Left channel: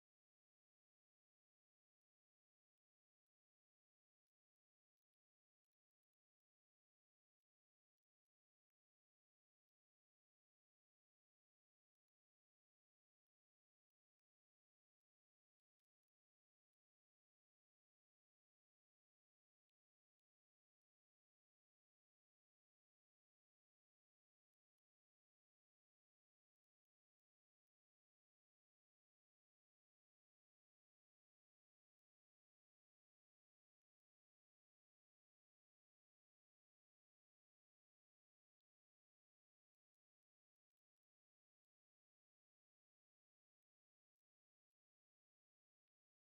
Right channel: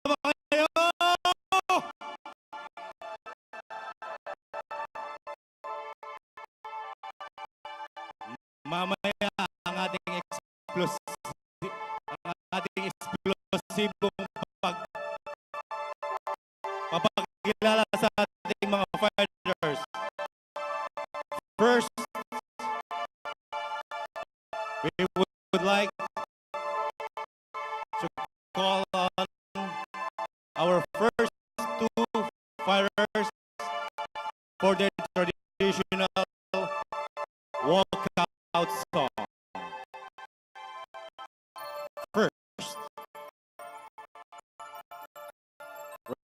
ba kayo? Mamaya ang ating eksplosibong papakilala sa ating mga fighters. First, we would like to call on our first two fighters for their traditional walkout song. First,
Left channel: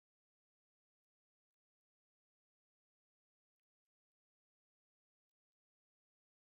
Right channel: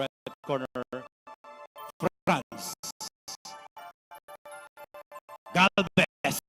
red corner, FRANZ, GALVEZ.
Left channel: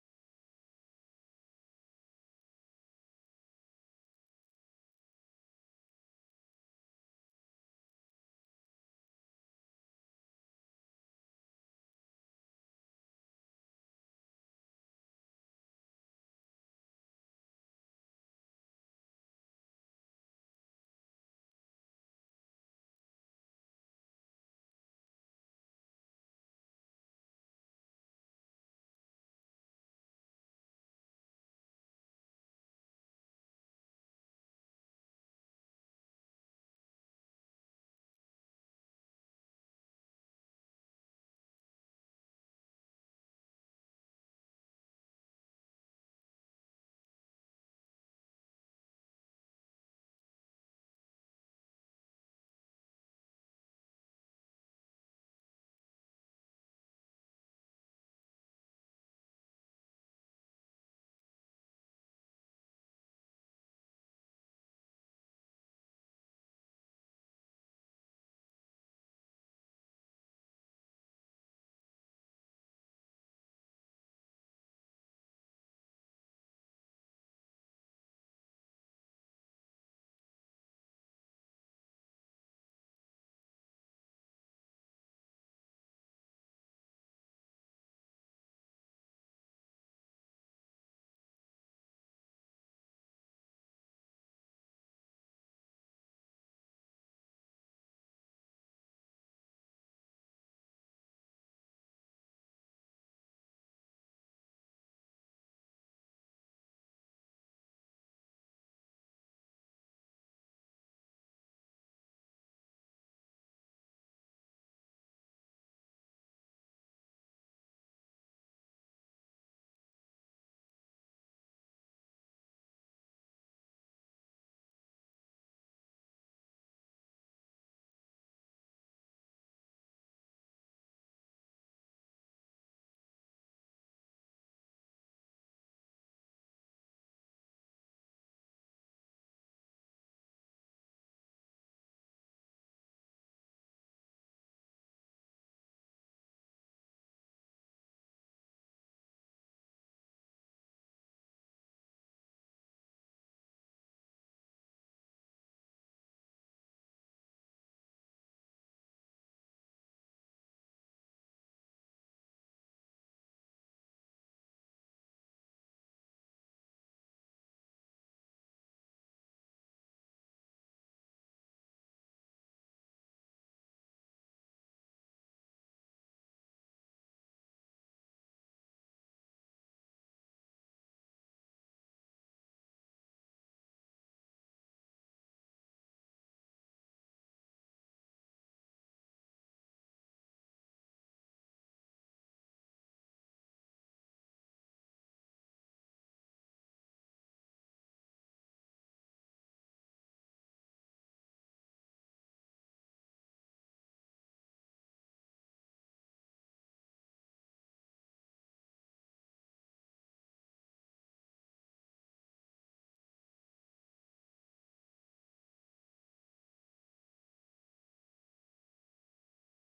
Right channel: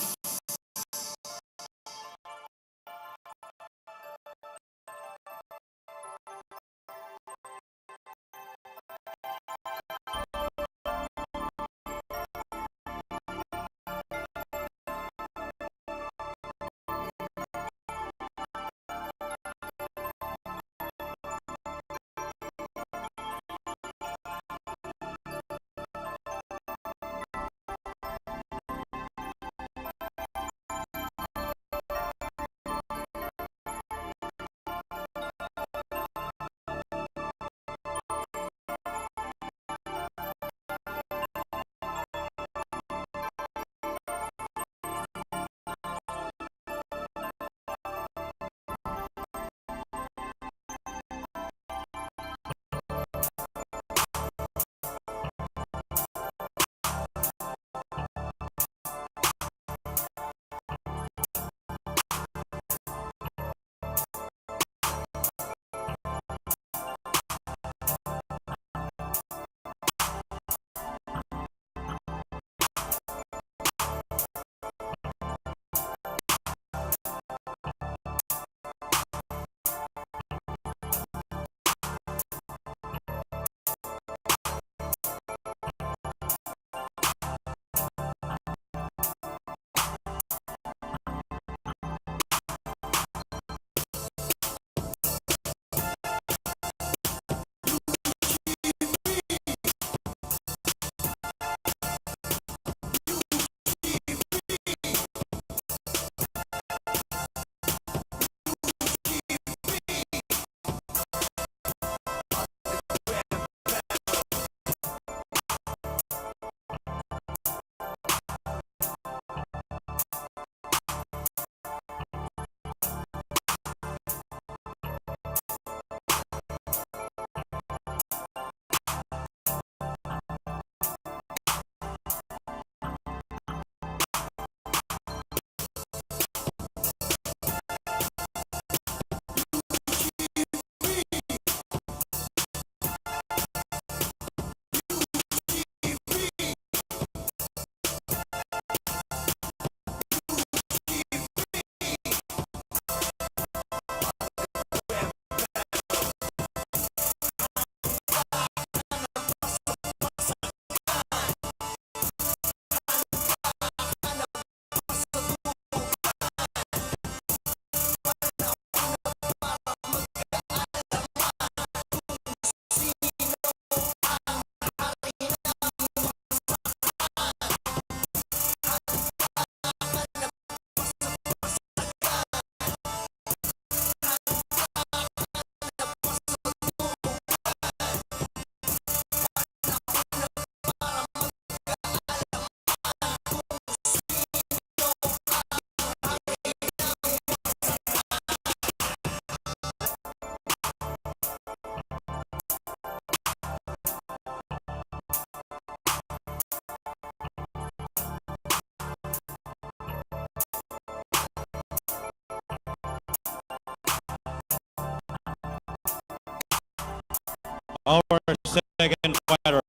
Our second fighter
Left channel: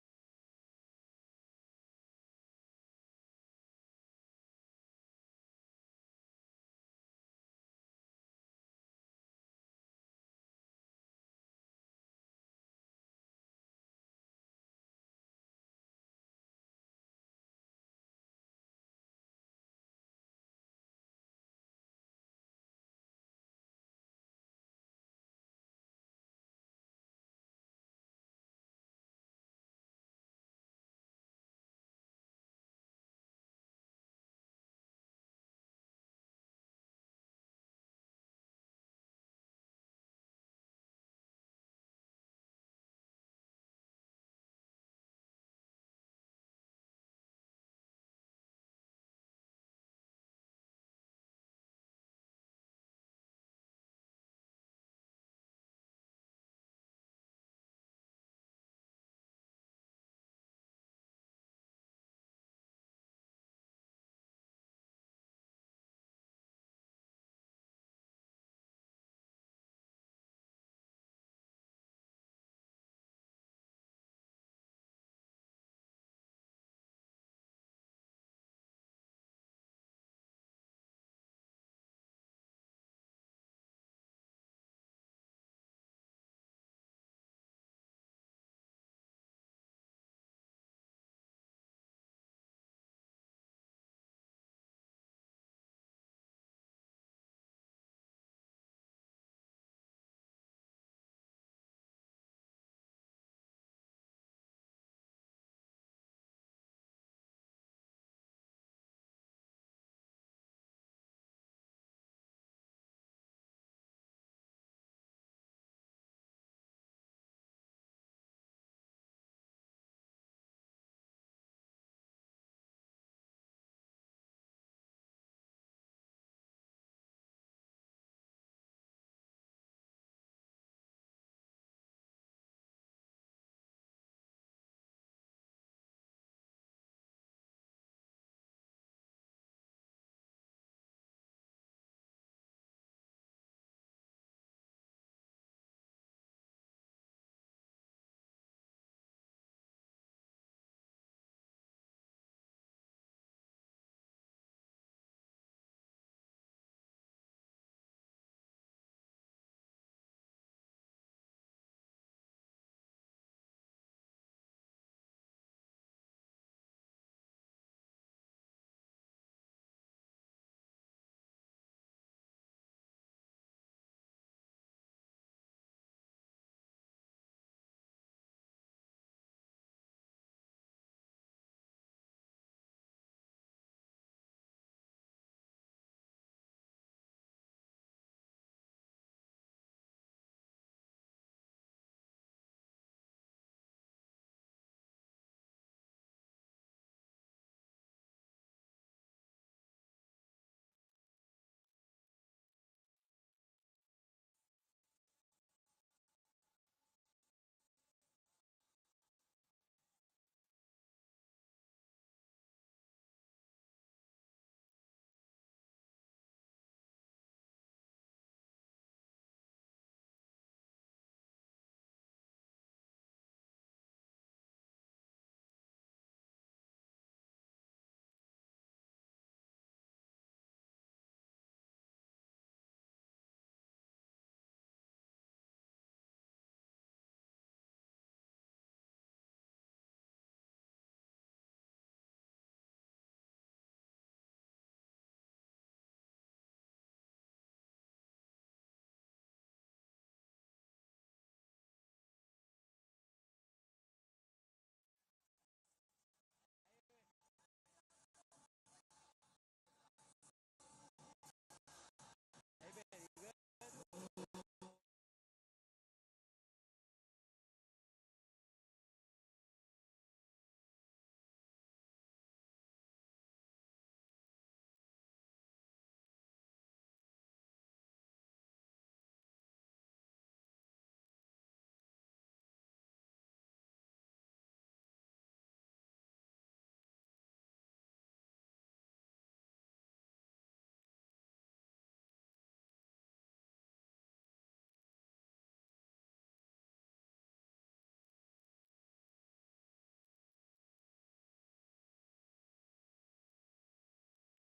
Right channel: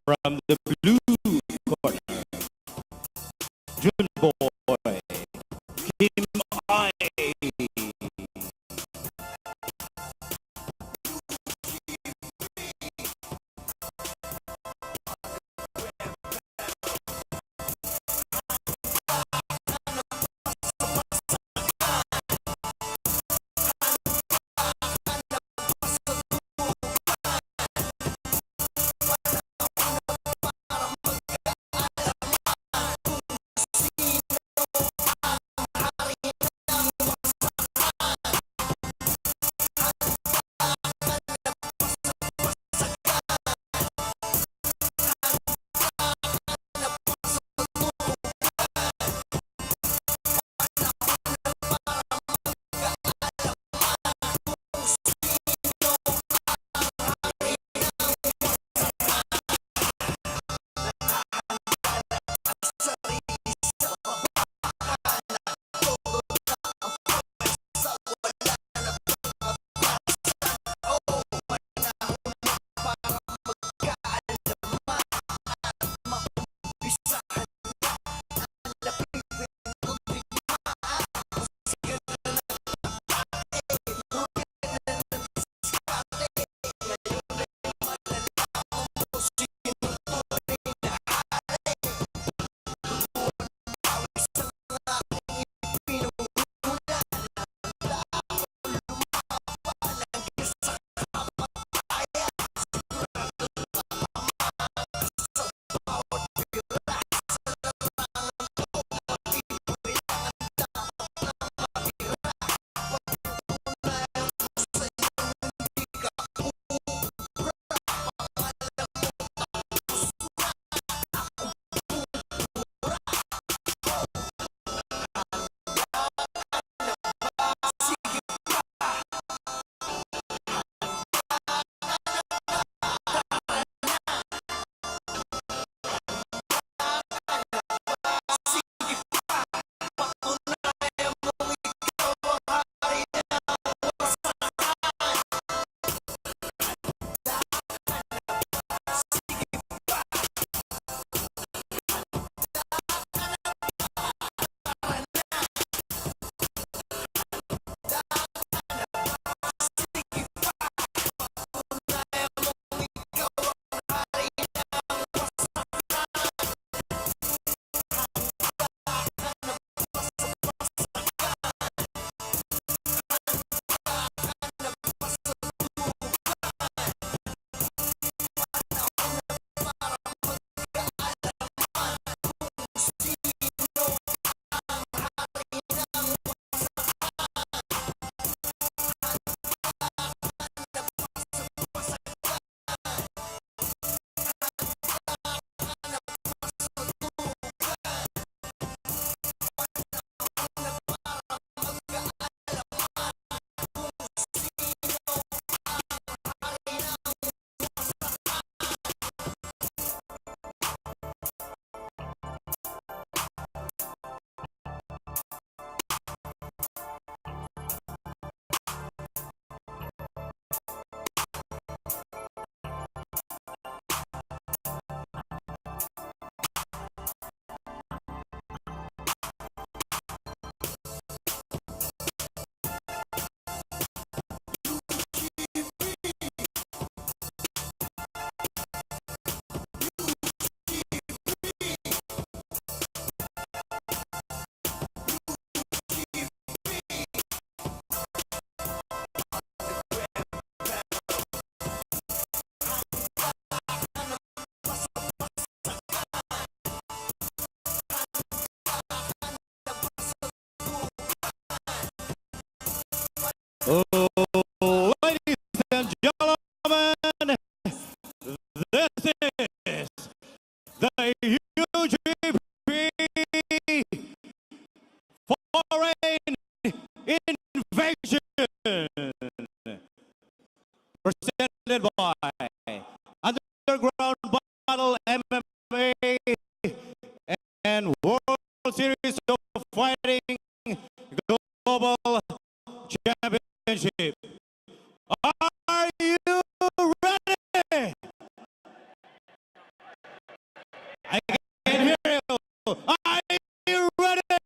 from the blue corner, JUNBOY, Team I. Ladies and gentlemen, this is the UGB Foreign Invasion, presented by Underground Battle MMA and World Series of Fighting Global Championship. Are you ready? I can hear you. Are you ready?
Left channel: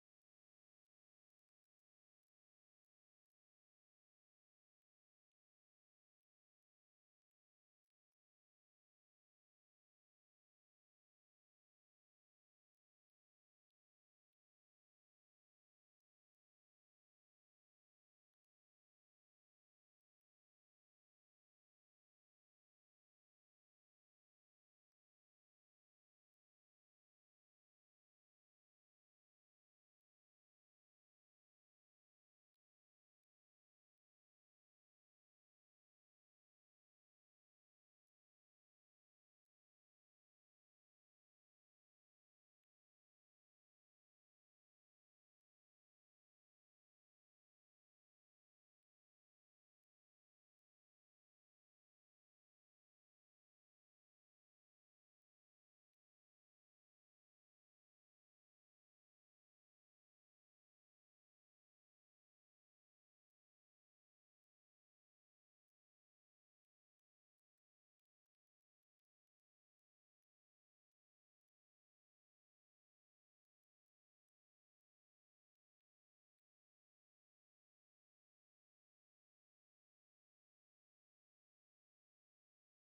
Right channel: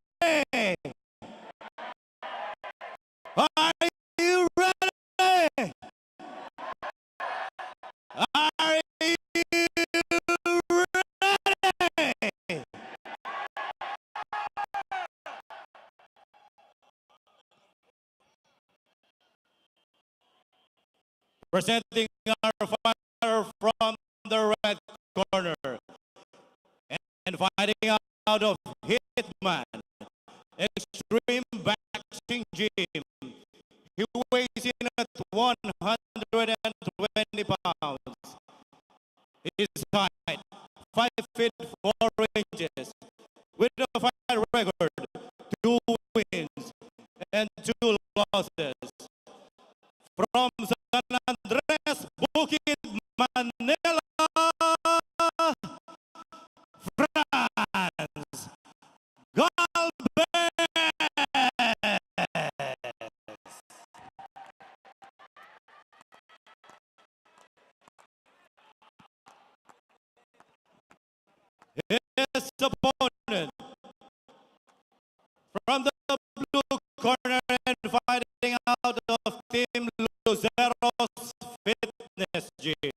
Are you ready? Are you ready? Presenting our fighter from the red corner and fighting out of Hitman, Extreme Boxing Gym. He weighs in at 120 pounds. His height, 5 feet 4 inches, with a fight record, 2 wins and 2 losses. From San Andres, Bukid, Manila, France, Galvez. His opponent from the blue corner and fighting out of Team LUCEROS Fitness Gym.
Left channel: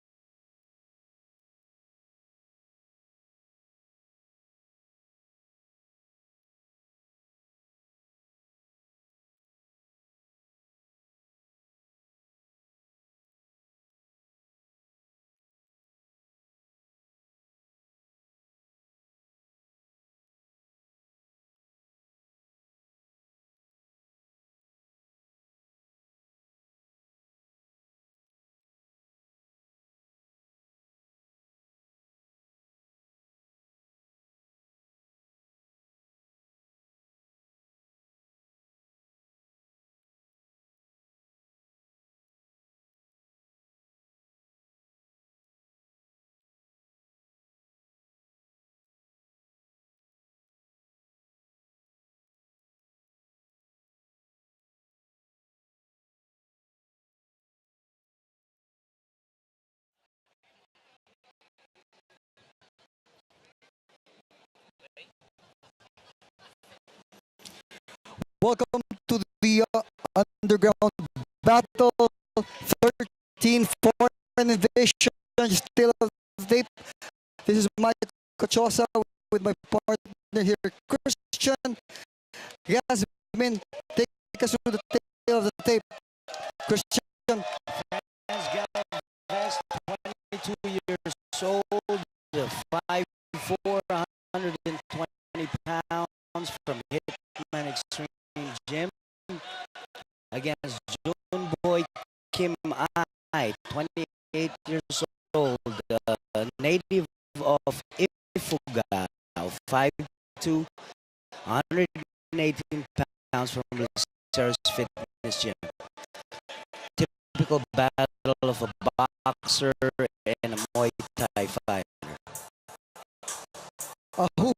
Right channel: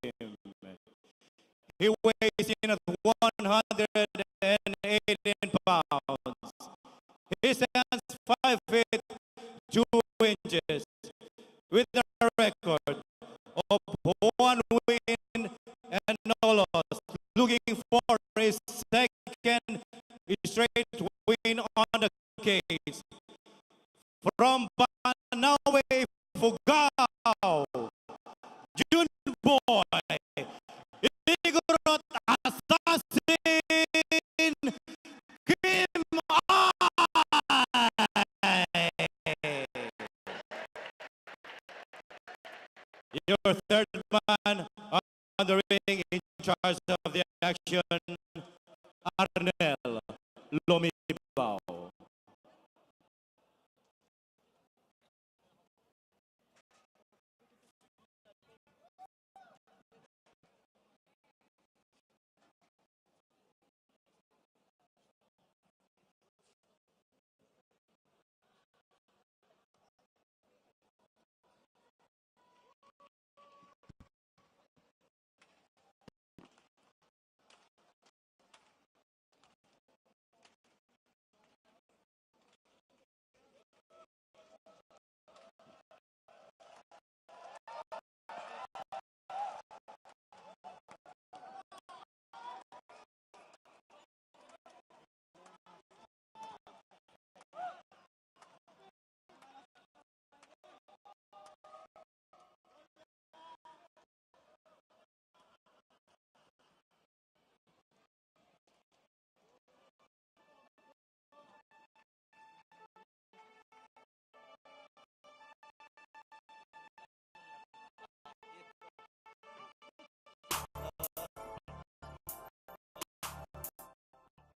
He weighs in at 118 pounds. He stands 5 feet 2 inches with a record of 1 win and no loss, looking for his second straight win on the cage. From Banawe, Fugao, Junboy, Igorot Assassin, Kim I. Your third man on the ring in charge of the action, Arnel Lomibao. Welcome to the Underground Battle 13 Foreign Invasion. Still on tape. This is Mike Cochosa with my partner here, Christian. Yasmin, take us through the tail of the tape. Christian. FRANZ GALVEZ, 22 years old, 5'4", 120 pounds from HITMAN Extreme Gym. Against JUNBOY Kim I, 28 years old, native of Ifugao, 5'2", 118 pounds from LUCEROS Fitness Gym. Typical battle of a boxer and a Muay Thai fighter. Who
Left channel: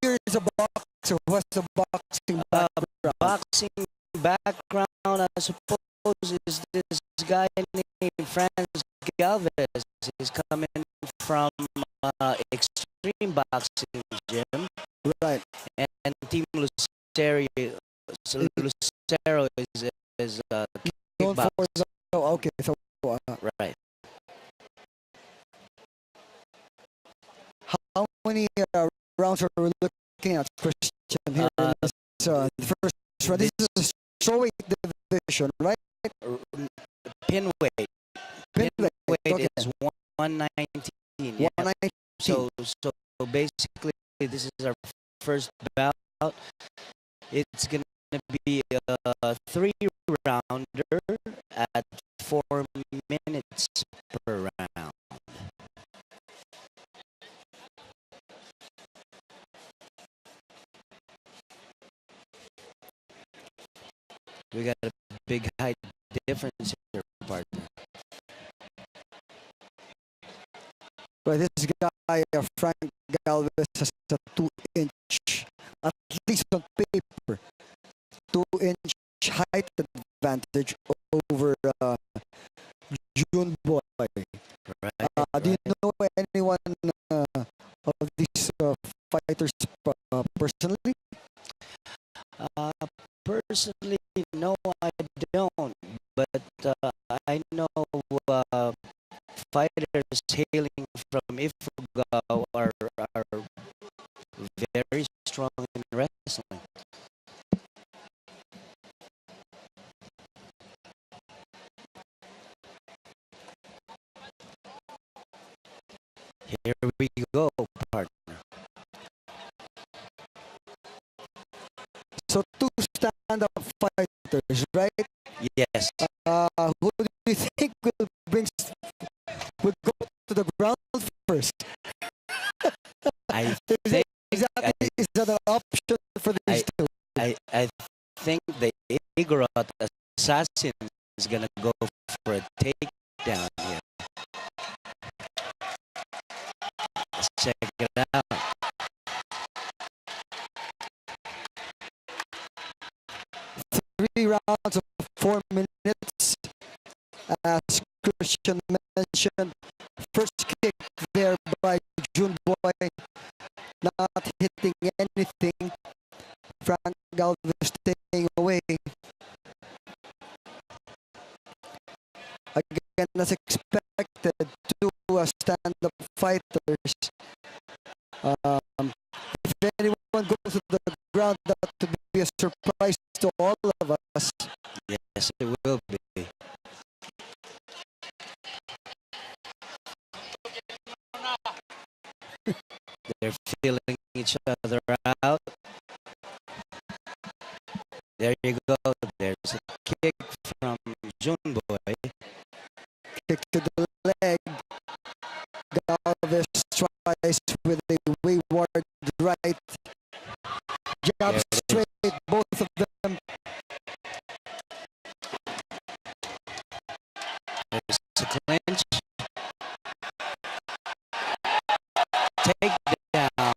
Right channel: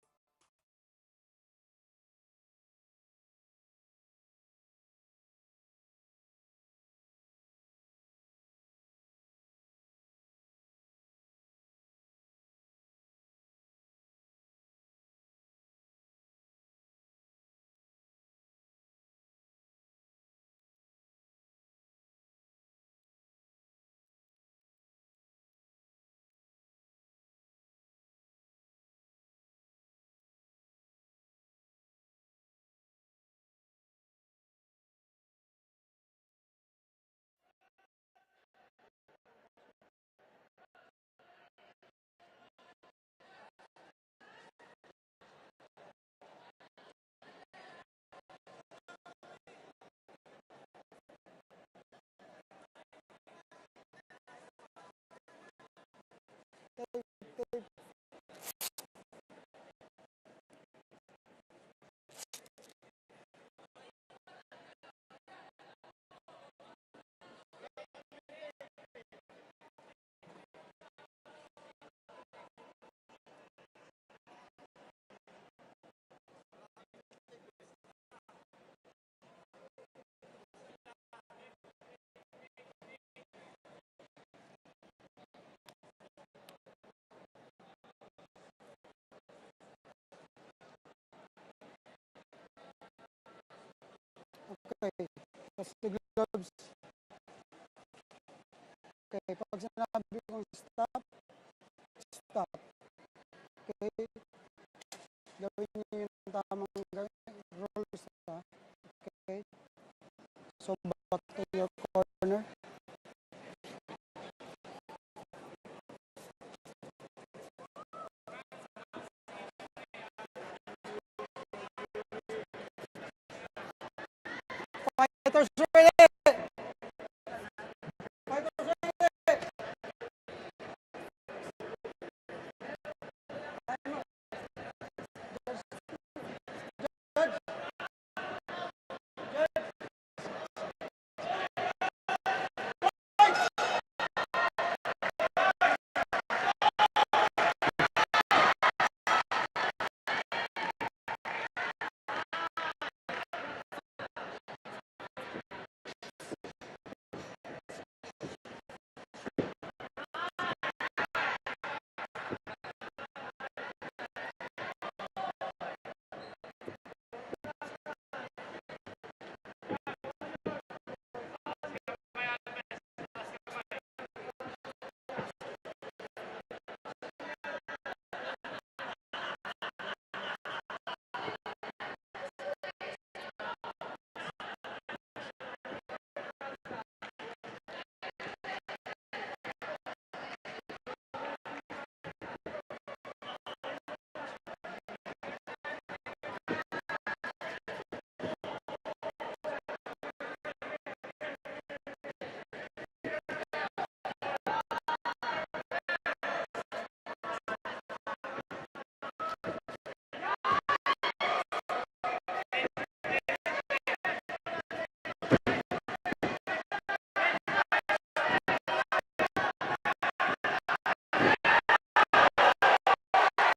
here is a boxer? What's the boxing background? Boxing background, I suppose, is this guy named FRANZ GALVEZ. He's coming from Extreme Boxing Gym. Right. And Team Lucero is Known for kickboxing. okay, so Right. how many rounds are we looking at, Christian, here in this, the first round? This is a strawweight division, right? Pin weight. Okay. Is 119. Yeah. 119. So basically, this is our first bout. It's gonna be a 3-rounder. big height difference here, partner. But this guy, Frank Galvez, has a 2-inch, at least on paper, 2-inch height advantage over Junboy. Right, Do you right. know anyone of these fighters personally? Personally, no, I don't. But I know fighters hailing from Ifugao are very strong in wrestling. So back to your corner. Here we go, partner. So two stand-up fighters, right? Yes, Who do you think will go to the ground first? I Is think that, is that an option for these two? I think the Igorot assassin is gonna go for a takedown here. Check it out. 3 rounds of 4 minutes. As Christian mentioned, first kick there by Junboy, not hitting anything. Frank Galvez staying away. Again, as expected, two stand-up fighters. If anyone goes to the ground, that would be a surprise to all of us. Yes, it will be. They're feeling each other out. There you go. There's a kick from Junboy. Kick to the leg. Galvez tries with a wayward right. Jab There it is. straight, both of them. There's a clinch. Takedown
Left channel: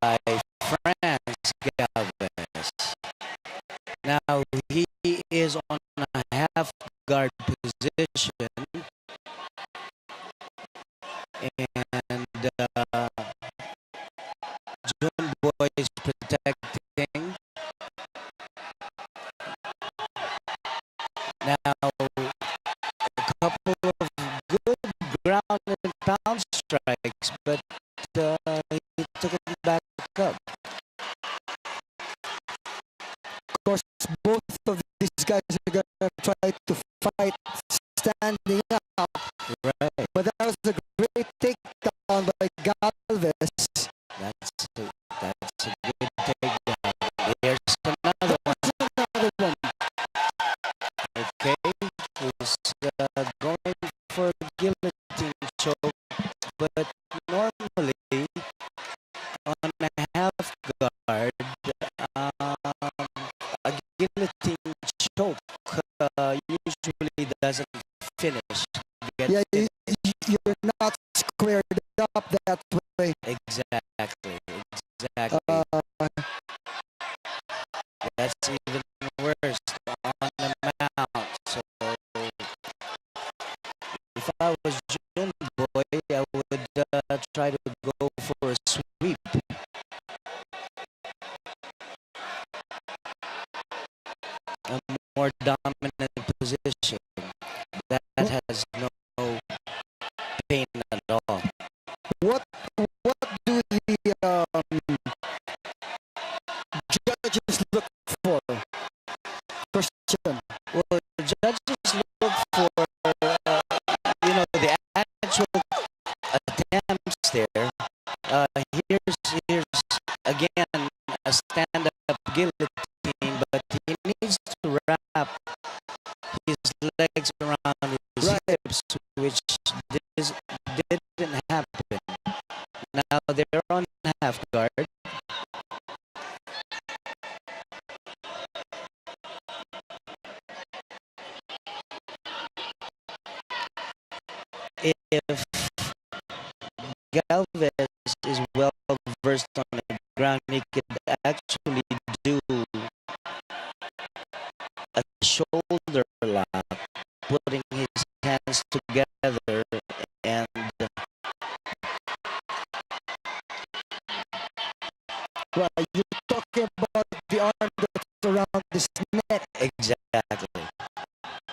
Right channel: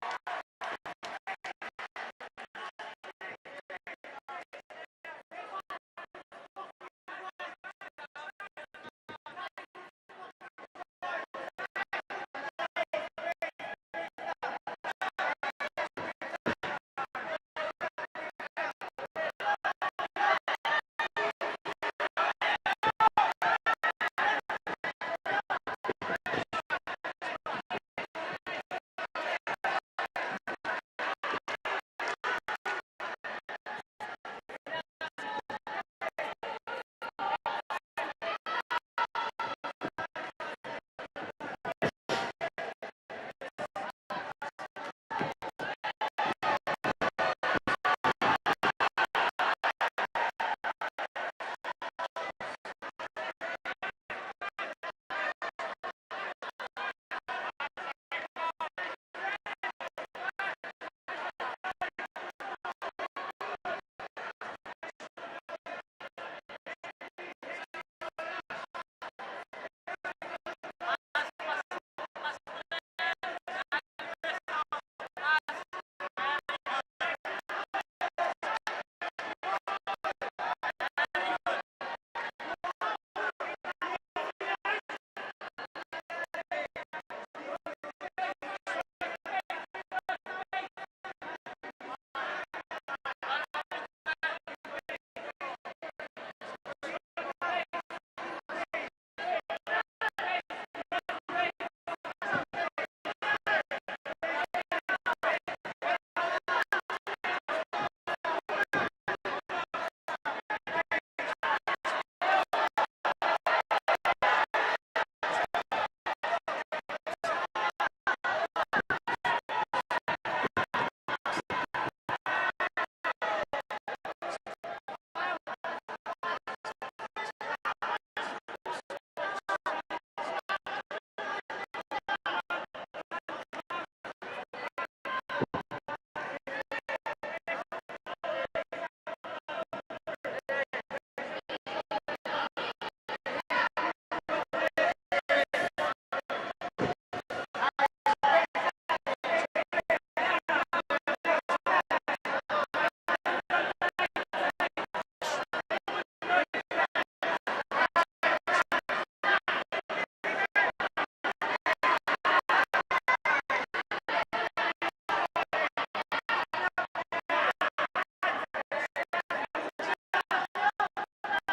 by FRANZ Galvez. Now he is on a half guard position, and Junboy is protecting. Now a couple of good ground and pound strikes, but he took it back up. Of course, both of these guys are going to try to fight standing up. Right. But that was a great takedown by Galvez. That's a good takedown. There's another one. Another one. Okay, he's going for a guillotine choke, but normally on a half guard, a guillotine choke usually doesn't finish. Yeah, you're not squared up that way. Exactly. Uh, That's even worse on the mount. So if I was Junboy, I would try to go for a sweep. A more dominant position that has no pain at all. what do the judges look for? Question. Well, judges look for the actual attempts there. Here's again a stand-up guillotine, but he needs to wrap his legs around his Right. hips, which didn't happen. Now they're on half guard.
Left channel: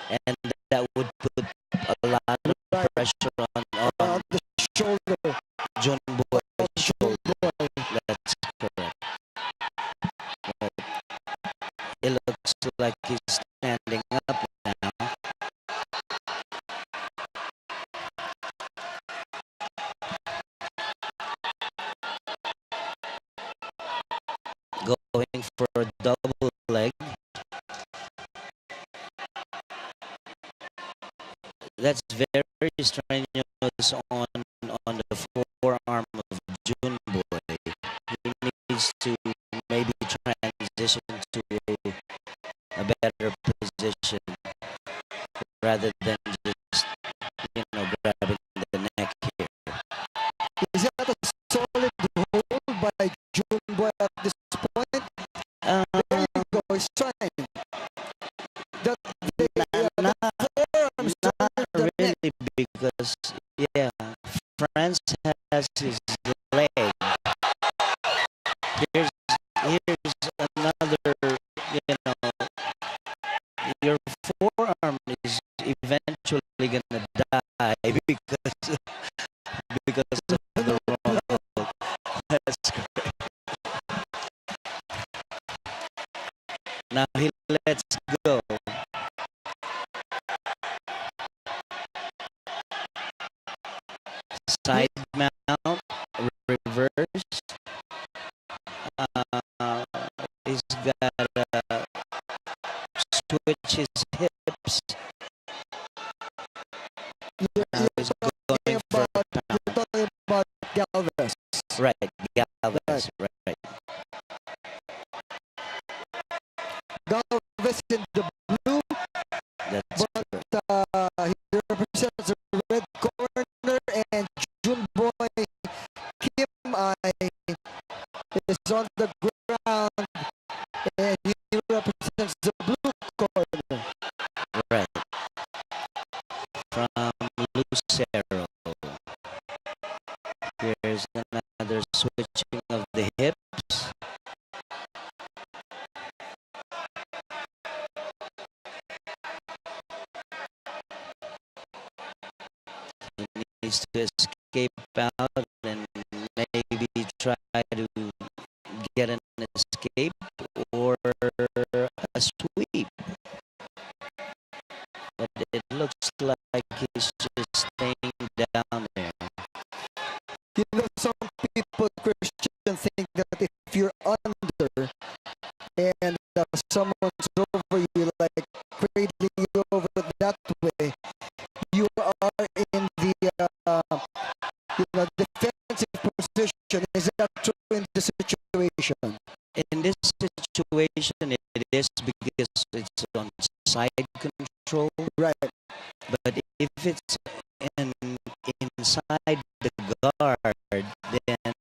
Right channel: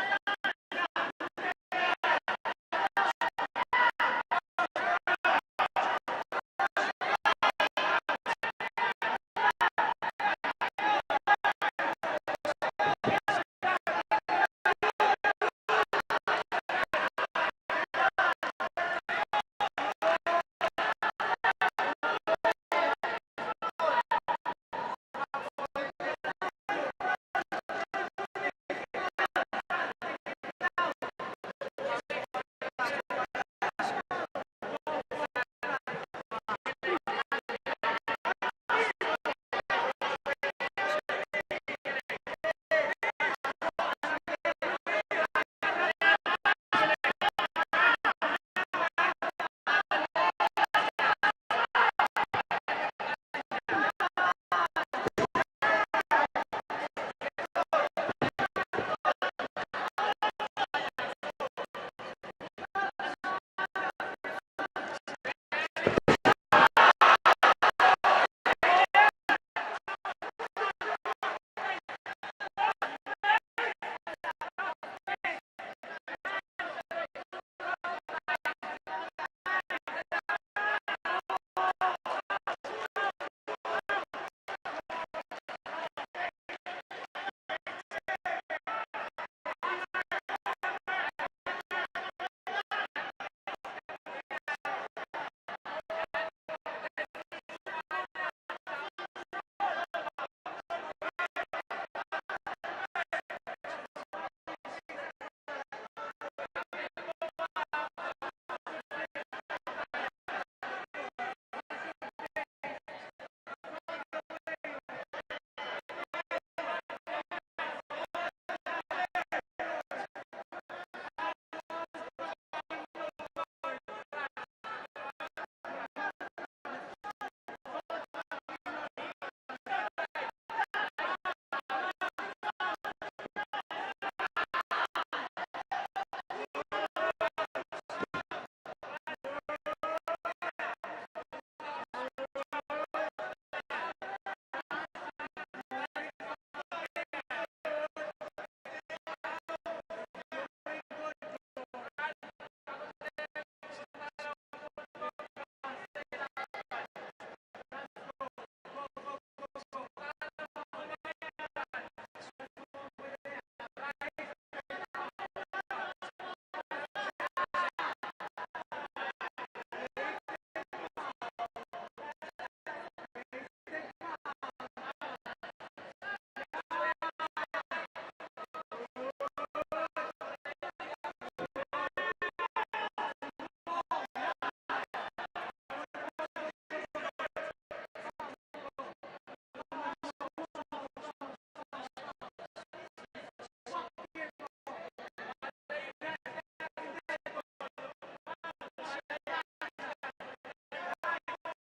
and that would put a lot of pressure on the shoulder. Junboy's shoulder. That's correct. It looks like he's standing up now. Going for a double leg. That's very strenuous on the forearm of Junboy. He needs to maybe transition to a better position rather than just grabbing the neck here. Is that a solid hold by Junboy at this point? Uh, There you go, son. That forearms not over the neck. really, because yeah, France has his leg. Here's another, your forearm is eventually gonna die because of the wrong hold. That's correct. Now he lets go. Side mount, reverse. He's got switch his hips. Now he's going for a pound. You're talking about Galvez. Right, Galvez, right. Galvez in the blue, That's but he represents the red corner, and Junboy Kim I is on the ground, and he represents the blue corner. right. From Lucero. Here's another switching of the hips. He needs to escape out and maybe try to get an escape or a sweep. But it looks like he's just staying down there. You know, some people, Christian, think that if you're under and someone's over you, like cradling you over that way, you are in the defensive position. Is that true in this situation? In this situation, it is because it's on side control. Right. But if it's inside the guard, then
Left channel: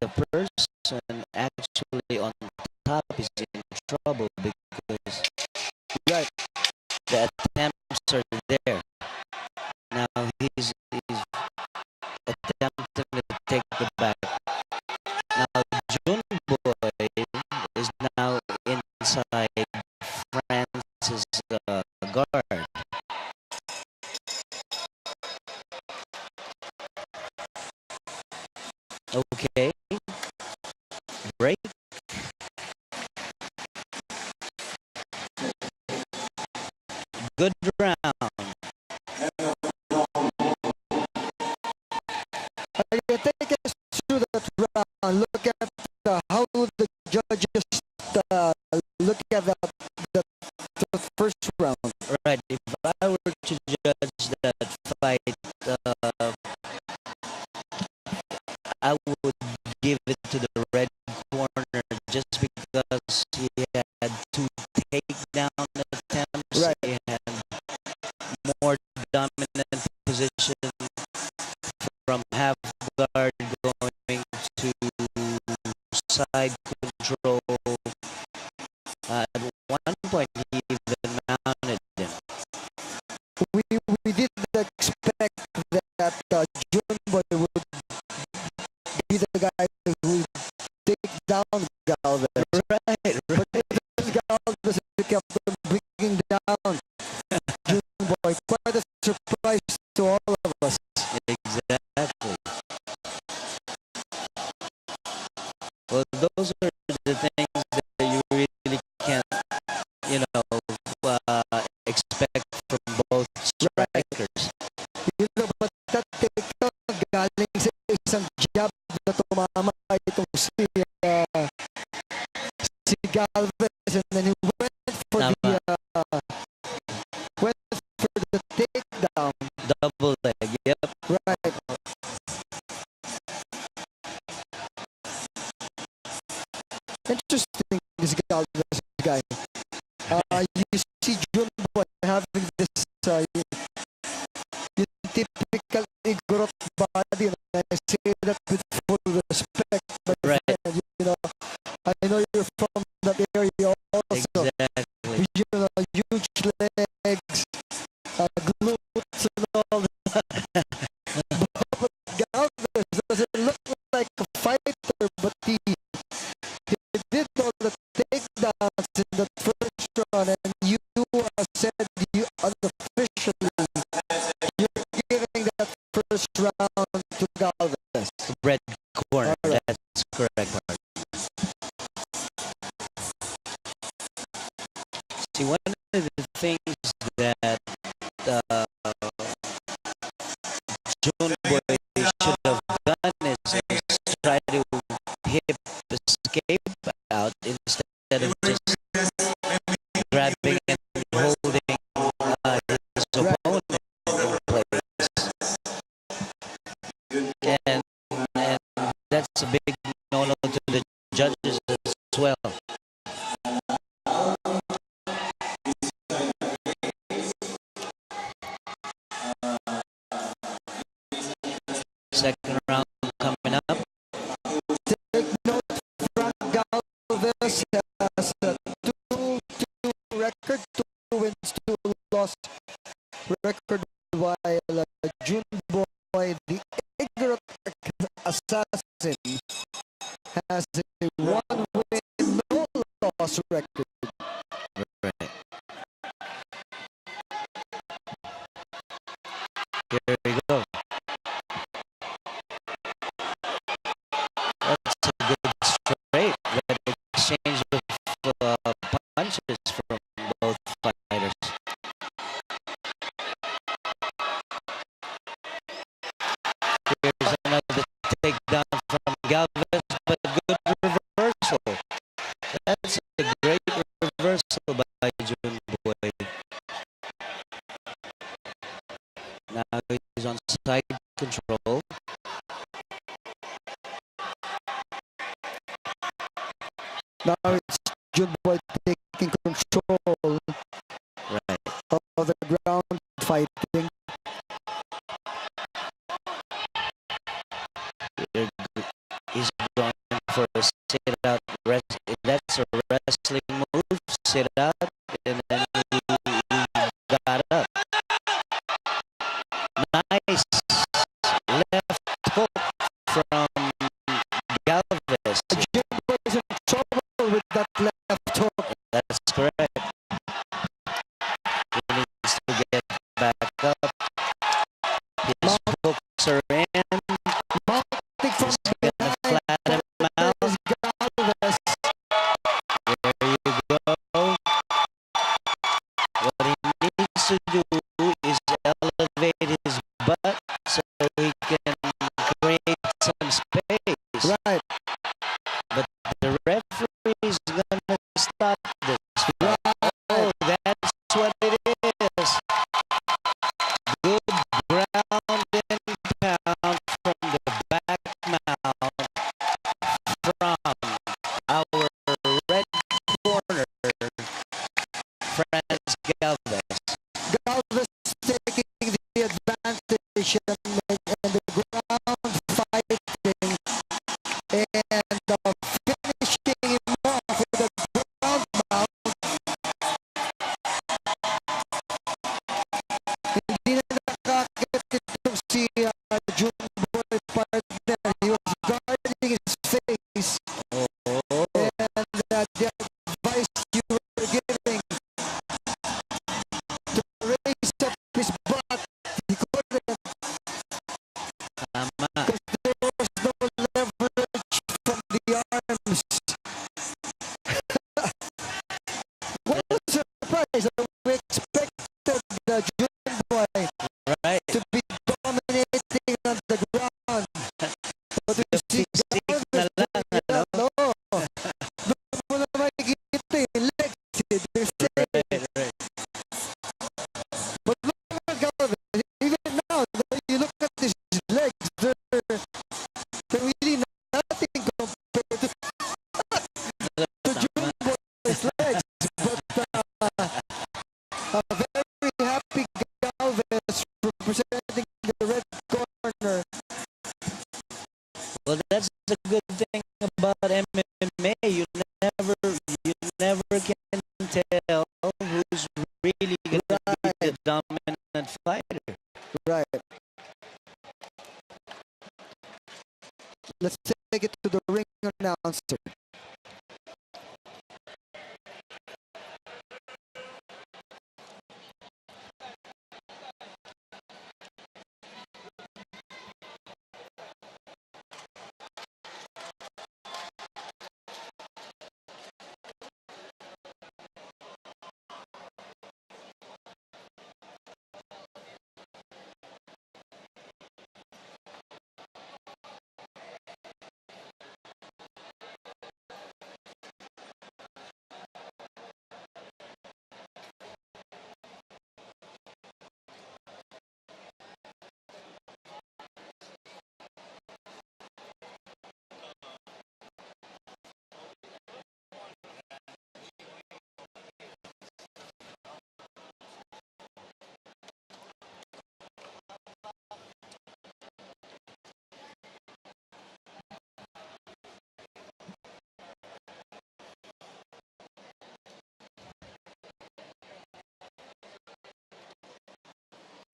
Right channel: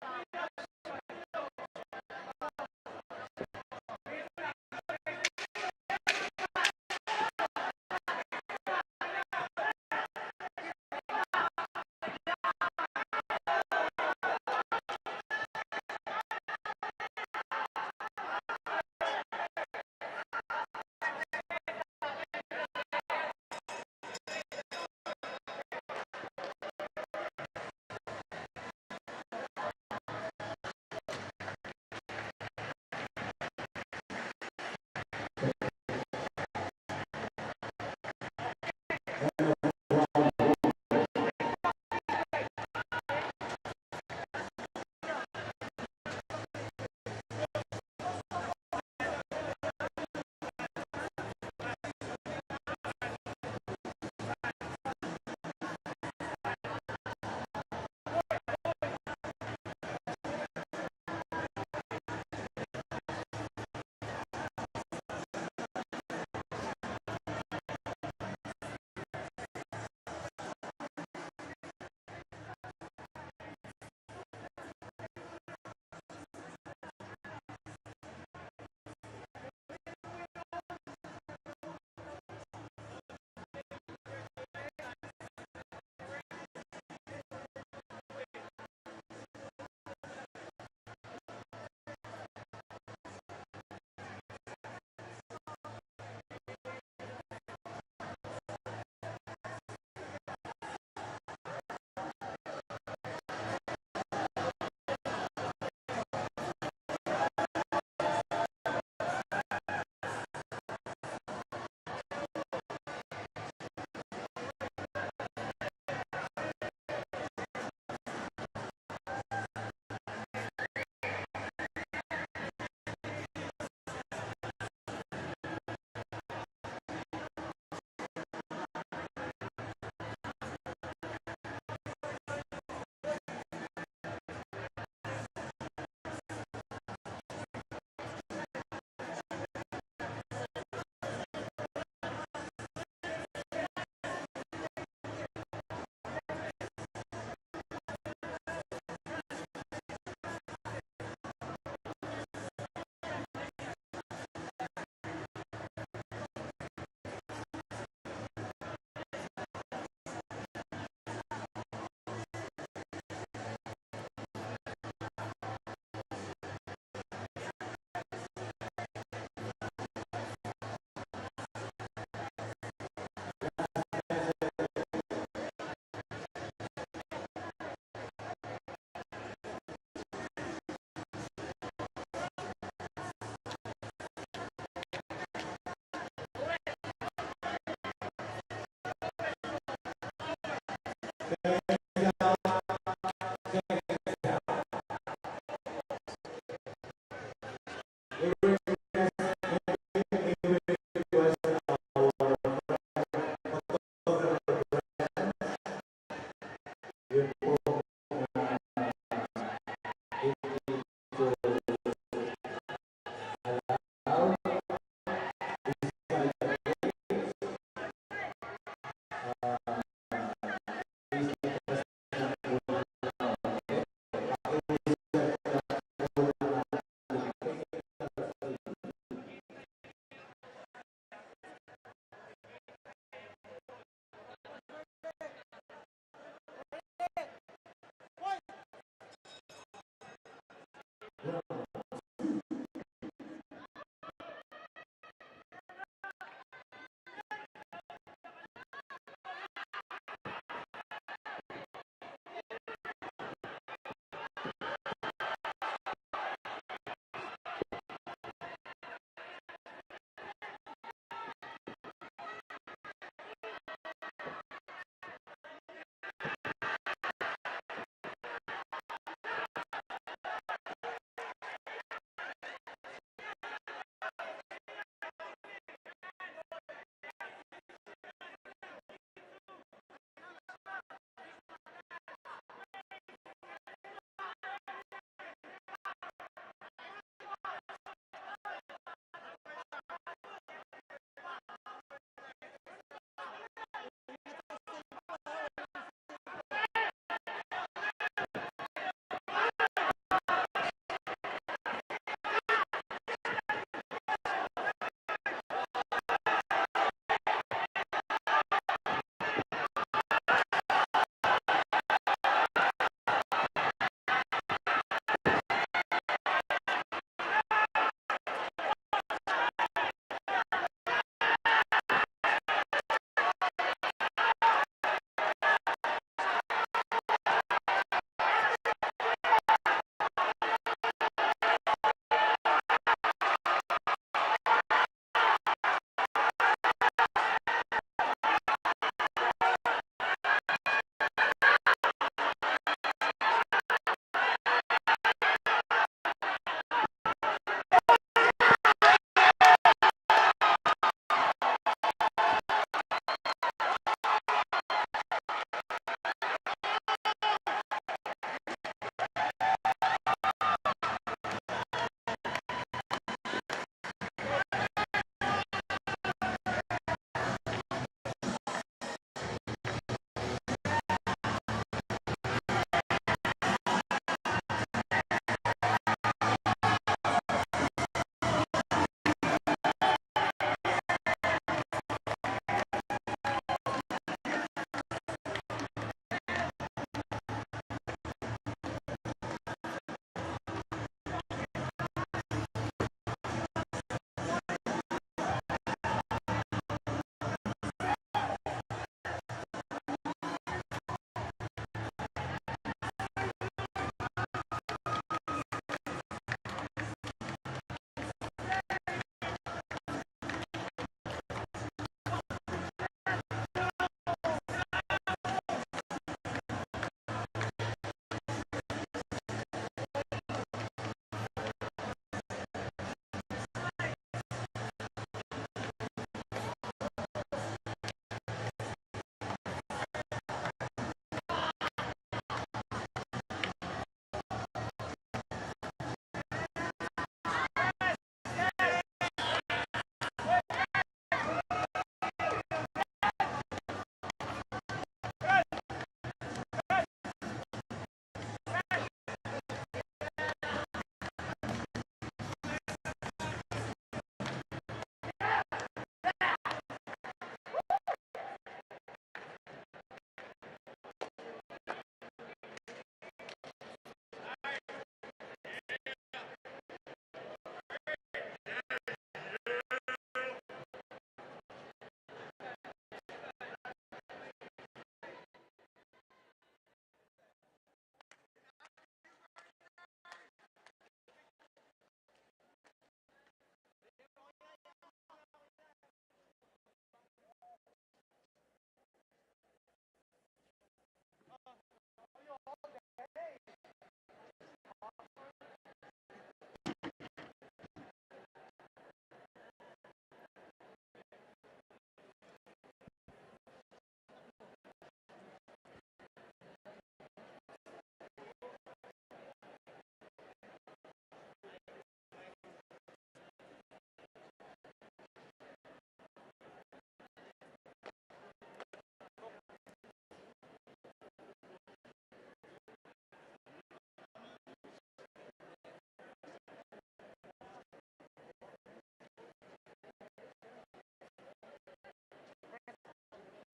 the person actually on top is in trouble because Right. the attempts are there. Now he's attempting to take the back. Now Junboy is now inside Franz's guard. Okay, break. Good round. Take us through that round. Look at how the judges look at the first round. Right, if I were to judge that fight, I would give it to the red corner just because he had two takedown attempts. Right. He had more dominant position from half guard going to side control. At one point, he even mounted him. We didn't expect that Junboy would be the guy who take down Galvez. Right, But then Galvez kept on bringing down loss record, while Junboy, the ignorant assassin, has a 1-win, no loss record. Right. Here we go. That's a good straight. That exchange of punches from both fighters. Here's another takedown from Galvez, but good reversal. That's a great reversal by Junboy. Now he's on side control. Now it's Junboy taking control Right. of the ground fighting. He's going for a sit-out. That's a wrestling move. Sit out, and then he got up. Nice left hook from Galvez. Junboy is in trouble with that left hook. That's correct. He needs to get back up. His hooks are in. Mounting from He's gonna flatten him out. is Galvez. There you go. What he needs to do is elevate his butt so he can create some space. Right. But the referee's gonna stop this. Oh, that's what it is. Good ground and pound from the back mount from our red corner, FRANZ Galvez. Galvez taking the advantage on the ground fighting and finishing him off with a ground mount. Hindi na nakakit itong si Junboy partner. He was guarding his face, Oh, and the advice you were giving to raise up his butt, he couldn't, tama. because there was no leverage from the arms. What a surprise! We expected the Junboy Right. to be dominating on the ground. But you see, Stick na lang, ano? no, doon mo na makikita yung legs, they're saying. Right, right. But look at Galvez, even now, you look at his legs, they're really nothing compared to Junboy's legs. But a very happy Galvez representing the red corner. Well, that's the good thing about MMA. You never can tell who's really gonna be the dominant fighter. Right. Let's take it to the ring announcer.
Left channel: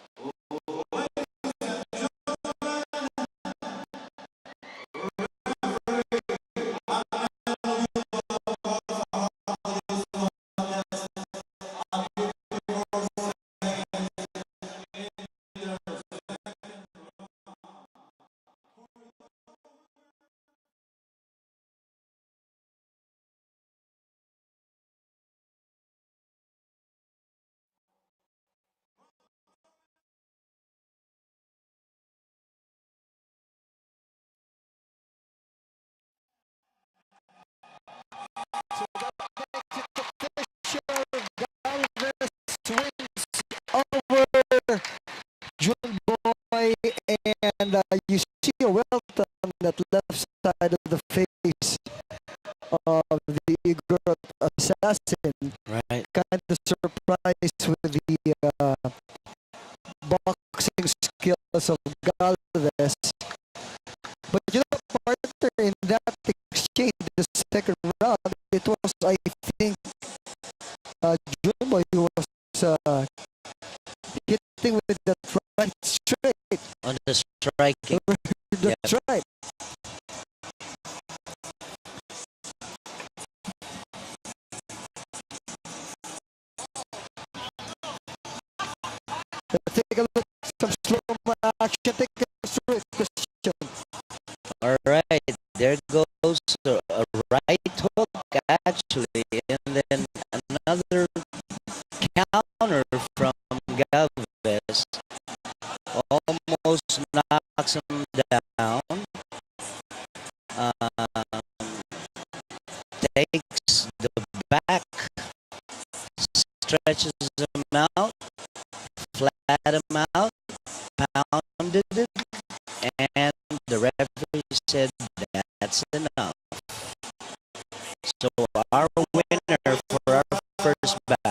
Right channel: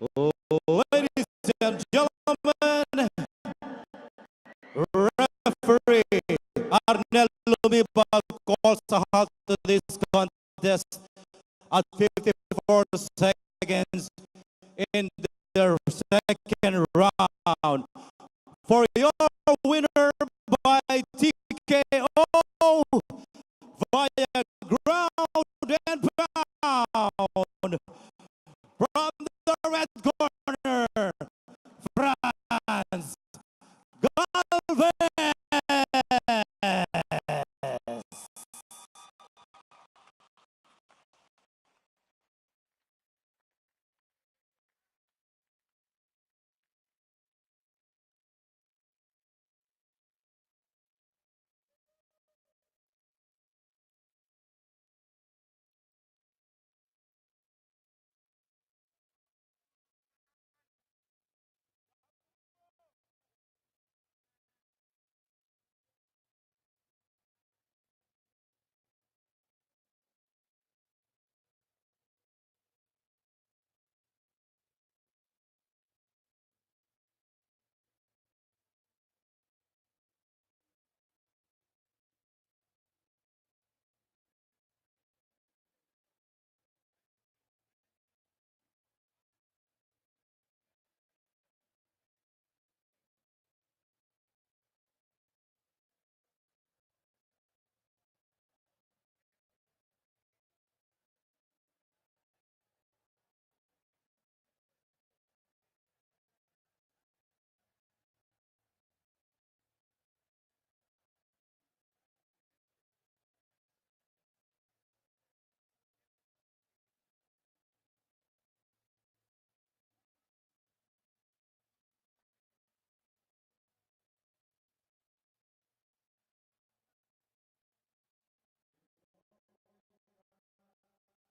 Ladies and gentlemen, referee Arnel Lubibal calls out to this contest at 54 seconds in the second round. For your winner by TKO via ground and pound from the red corner, FRANZ GALVEZ. Over Junboy, and you see a welt on that left side of the face of the Igor assassin. Right. Kind of surprised with the boxing skills of Galvez. But you know, partner, in that exchange, the second round, it was, I think, Junboy who was hitting with that right straight. On the striking. That's right. Let's take a look, some slow action. Take a straight question. All right, there goes a right hook actually, and then another counter from Galvez. Almost knocks him down. Takes the back, stretches him out, flat him out, pounded it, and the referee said that's enough. So our winner for our first bout